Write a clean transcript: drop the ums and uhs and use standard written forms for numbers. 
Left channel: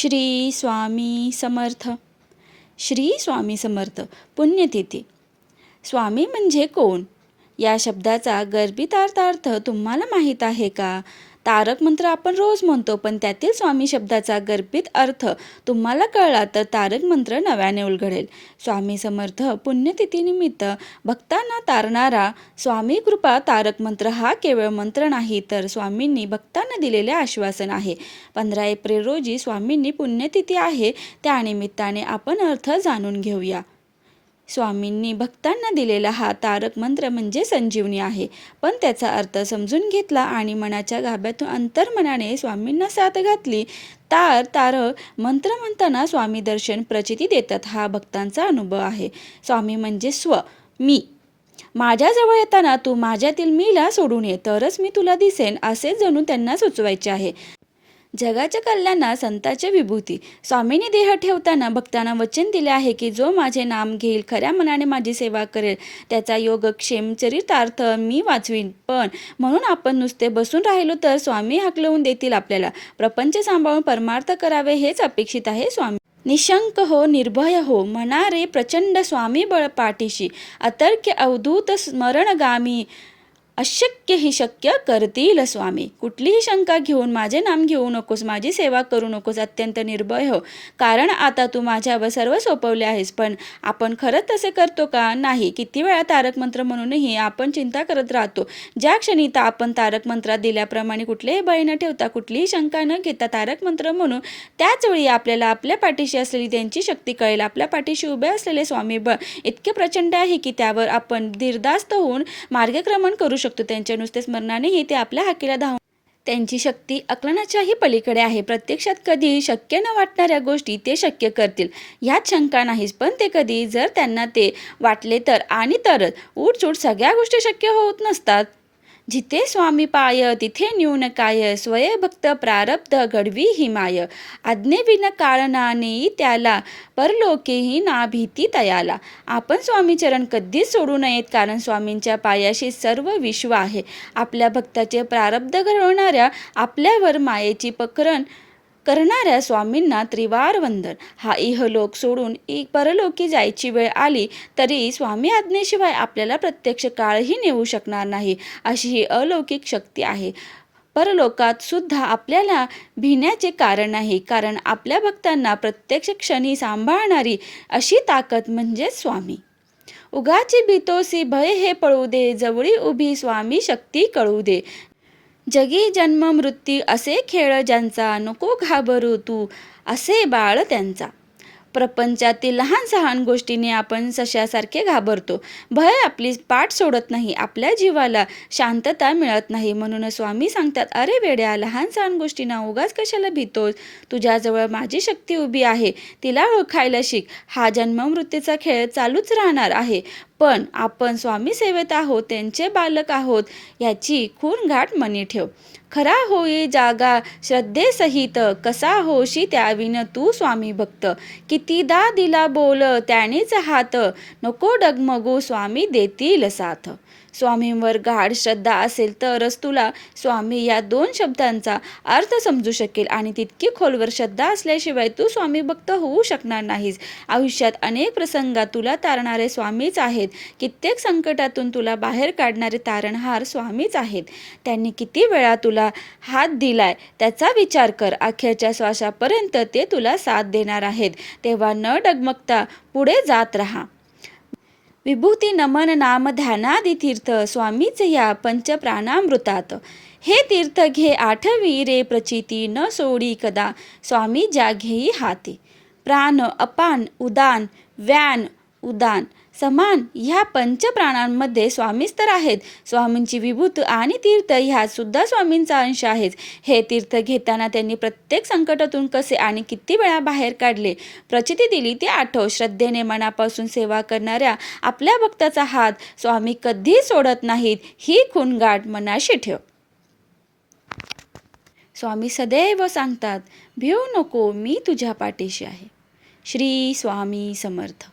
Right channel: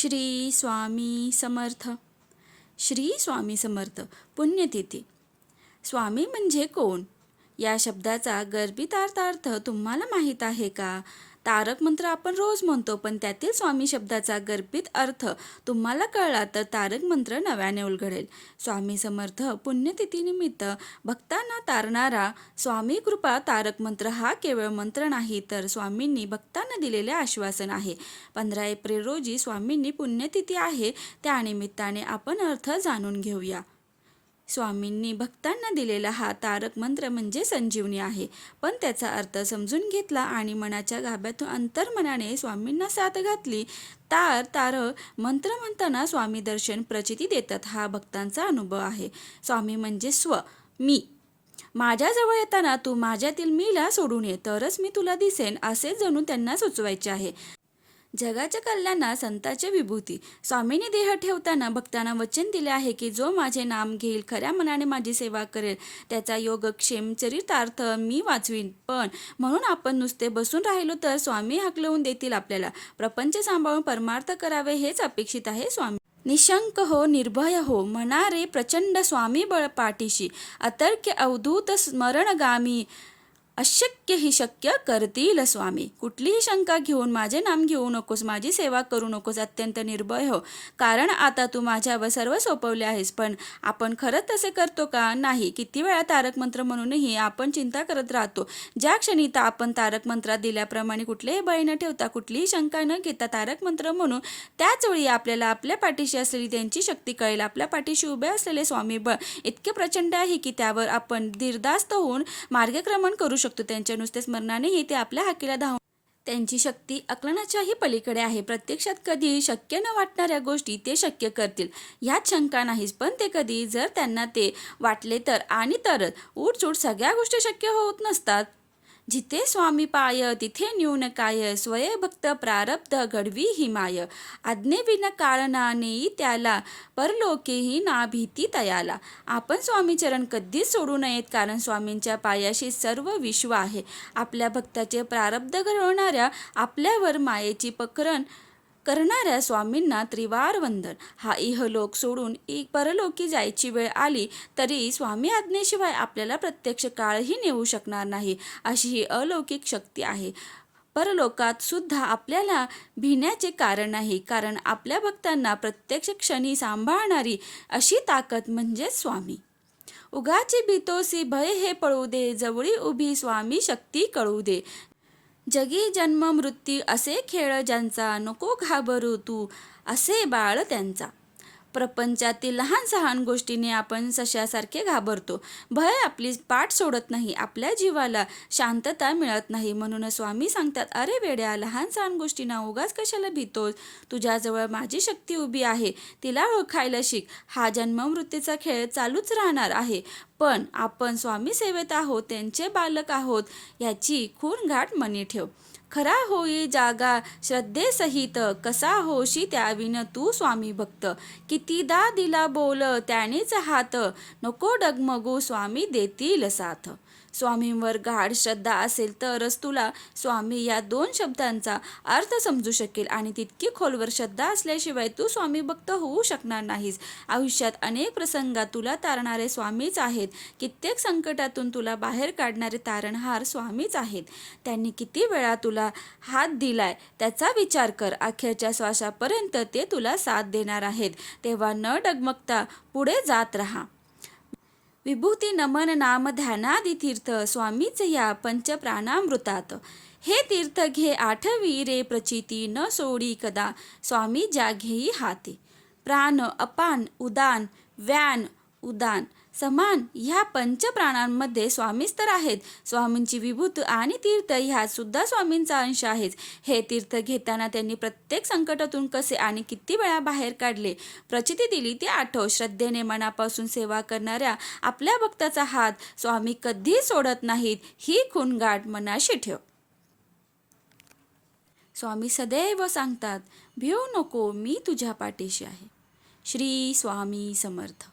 श्री स्वामी समर्थ. श्री स्वामी समर्थ. पुण्यतिथी. स्वामी म्हणजे कोण? या शब्दाचा गर्भितार्थ तुम्हाला माहीत आहे का? तारक मंत्र आपण रोज म्हणतो, पण त्यातील स्वामी शब्दाचा गर्भित अर्थ तुम्हाला कळला तर तारक मंत्र नव्याने उलगडेल. स्वामी समर्थ पुण्यतिथीनिमित्त भक्तांना तारणारा स्वामी कृपा तारक मंत्र हा केवळ मंत्र नाही, तर स्वामींनी भक्तांना दिलेले आश्वासन आहे. 15 एप्रिल रोजी स्वामींनी पुण्यतिथी आहे, त्यानिमित्ताने आपण अर्थ जाणून घेऊया. स्वामींनी भक्तांना दिलेला हा तारक मंत्र म्हणजे संजीवनी आहे, पण त्याचा अर्थ समजून घेतला आणि मनाच्या गाभ्यातून अंतर्मनाने स्वामींना साथ घातली तारक मंत्र म्हणताना स्वामी दर्शन प्रचिती देतात. हा भक्तांचा अनुभव आहे. स्वामी म्हणजे मी. माझ्याजवळ येताना तू माझ्यातील मीला सोडून ये, तरच मी तुला दिसेन, असे जणू त्यांना सुचवायचे आहे. जगाच्या कल्याणात संतांची विभूती. स्वामींनी देह ठेवताना भक्तांना वचन दिले आहे की जो माझे नाम घेईल, खऱ्या मनाने माझी सेवा करेल, त्याचा योगक्षेम चरितार्थ मी वाचवीन. पण म्हणून आपण नुसते बसून राहिलो तर स्वामी हाकलवून देतील आपल्याला. प्रपंच सांभाळून परमार्थ करावे हेच अपेक्षित आहे. स्वामी निशंक हो, निर्भय हो, म्हणणारे प्रचंड स्वामी बळ पाठीशी, अतर्क्य अवधूत स्मरणगामी, अशक्य ही शक्य करतील स्वामी. कुठलीही शंका घेऊन माझे नाम घेऊ नकोस, माझी सेवा करू नकोस, अत्यंत निर्भय हो, कारण आता तू माझ्यावर सर्व सोपवले आहेस. पण आपण खरंच तसे करतो का? नाही. किती वेळा तारक मंत्र म्हणूनही आपण चिंता करत राहतो. ज्या क्षणी आपण तारक मंत्रात दिल्याप्रमाणे कुठलेही भय न ठेवता, कुठलीही शंका न घेता तारक मंत्र म्हणून त्याच वेळी आपल्याला आपल्या पाठीशी असलेली त्यांची शक्ती कळेल. आपल्या पाठीशी उभे असलेले स्वामी बळ इतके प्रचंड आहे की त्यावर आपण धीरदास्त होऊन मार्गक्रमण करू शकतो. त्यांच्या नुसते स्मरणानेही ते आपल्या हाकेला धावून त्यांची शक्ती आकलनाच्याही पलीकडे आहे. प्रत्यक्षात कधी शक्य न वाटणाऱ्या गोष्टी ते शक्य करतील यात शंका नाहीच. पण ते कधी जर त्यांना ते वाटले तर आणि तरच उठसूट सगळ्या गोष्टी शक्य होत नसतात. जिथे स्वामी पाय तिथे न्यून काय, स्वय भक्त प्रारब्ध घडवी ही माय, आज्ञेविन काळना नेई त्याला, परलोकेही ना भीती तयाला. आपण स्वामीचरण कधीच सोडू नयेत, कारण स्वामींच्या पायाशी सर्व विश्व आहे. आपल्या भक्ताचे प्रारब्ध घडवणाऱ्या, आपल्यावर मायेची पकरण करणाऱ्या स्वामींना त्रिवार वंदन. हा इहलोक सोडून परलोकी जायची वेळ आली तरी स्वामी आज्ञेशिवाय आपल्याला प्रत्यक्ष काळही नेऊ शकणार नाही, अशी ही अलौकिक शक्ती आहे. परलोकात सुद्धा आपल्याला भिण्याचे कारण नाही, कारण आपल्या भक्तांना प्रत्यक्ष क्षणी सांभाळणारी अशी ताकद म्हणजे स्वामी. उगाची भीतोसी भय हे पळू दे, जवळी उभी स्वामी शक्ती कळू दे. जगी जन्म मृत्यू असे खेळ ज्यांचा, नको घाबरू तू असे बाळ त्यांचा. प्रपंचातील लहान सहान गोष्टीने आपण सशासारखे घाबरतो. भय आपली पाठ सोडत नाही, आपल्या जीवाला शांतता मिळत नाही. म्हणून स्वामी सांगतात, अरे वेड्या, लहान सहान गोष्टींना उगाच कशाला भीतोस? तुझ्याजवळ माझी शक्ती उभी आहे, तिला ओळखायला शिक. हा जन्म मृत्यूचा खेळ चालूच राहणार आहे, पण आपण स्वामी सेवेत आहोत, त्यांचे बालक आहोत याची खूण गाठ मनी ठेव. खरा होई जागा श्रद्धेसहित, कसा होशी त्याविन तू स्वामी भक्त. कितीदा दिला बोल त्यानेच हात, नको डगमगू स्वामी देतील साथ. स्वामींवर गाढ श्रद्धा असेल तरच तुला स्वामी या 2 शब्दांचा अर्थ समजू शकेल, आणि तितकी खोलवर श्रद्धा असल्याशिवाय तू स्वामी भक्त होऊ शकणार नाहीस. आयुष्यात अनेक प्रसंगात तुला तारणारे स्वामीच आहेत. कित्येक संकटातून तुला बाहेर काढणारे तारणहार स्वामीच आहेत. त्यांनी किती वेळा तुला हात दिलाय त्याचा विचार कर. अखेरच्या श्वासापर्यंत ते तुला साथ देणार आहेत. तेव्हा न डगमगता पुढे जात राहा. विभूती नमन नाम ध्यानादी तीर्थ, स्वामीच या पंचप्राणामृतात. हे तीर्थ घे आठवी रे प्रचिती, न सोडी कदा स्वामी ज्या घेई हाती. प्राण अपान उदान व्यान उदान समान ह्या पंचप्राणांमध्ये स्वामीच तर आहेत. स्वामींची विभूत आणि तीर्थ ह्यात सुद्धा स्वामींचा अंश आहेच. हे तीर्थ घेताना त्यांनी प्रत्येक संकटातून कसे आणि किती वेळा बाहेर काढले, प्रचिती दिली ते आठव. श्रद्धेने मनापासून सेवा करणाऱ्या आपल्या भक्ताचा हात स्वामी कधीच सोडत नाहीत, ही खूण गाठ मनाशी ठेव. स्वामी सदैव सांगतात, भिवू नको, मी तुझ्या पाठीशी आहे. श्री स्वामी समर्थ.